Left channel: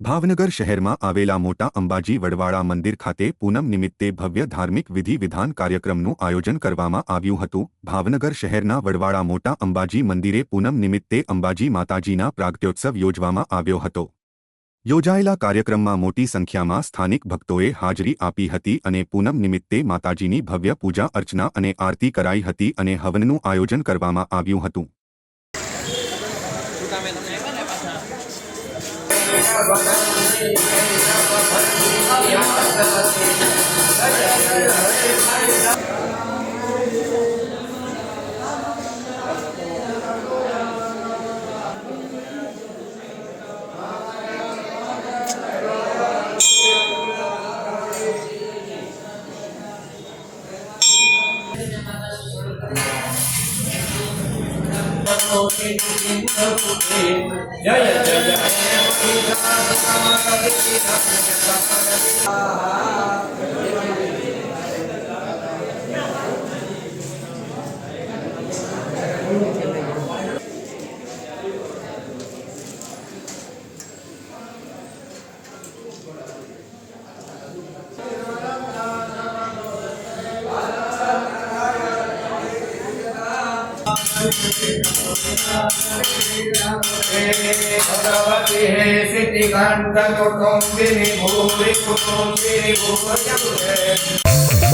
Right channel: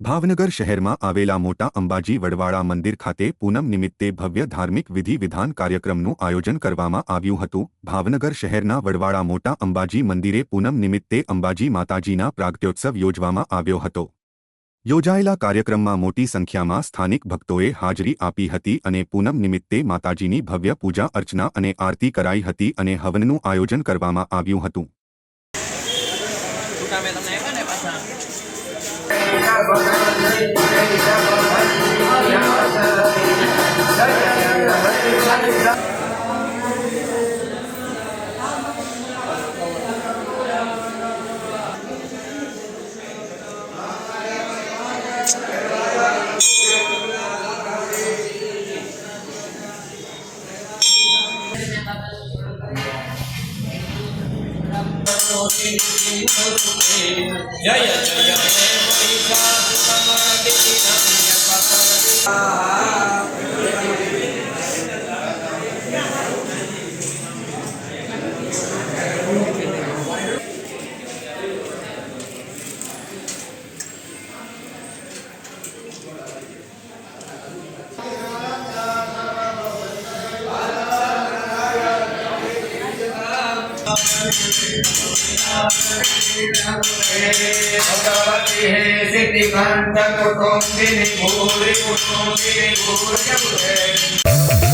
ભાવનગર શહેરમાં આવેલા મોટા અંબાજી વડવાળા મંદિર ખાતે પૂનમ નિમિત્તે ભવ્ય ધાર્મિક વિધિ વિધાન કાર્યક્રમનું આયોજન કરવામાં આવ્યું હતું। ભાવનગર શહેરના વડવાળા મોટા અંબાજી મંદિરે પૂનમ નિમિત્તે અંબાજી માતાજીના પ્રાગટ્યોત્સવ યોજવામાં આવ્યો હતો। યોજાયેલા કાર્યક્રમમાં મોટી સંખ્યામાં સ્થાનિક ભક્તોએ હાજરી આપી હતી અને પૂનમ નિમિત્તે માતાજીની ભવ્ય પૂજા અર્ચના અને આરતી કરાઈ હતી અને હવનનું આયોજન કરવામાં આવ્યું હતું। जय जय भगवती हे सिद्धिकांत कुटुंबिनी भूरि कुटुंबिनी भूरि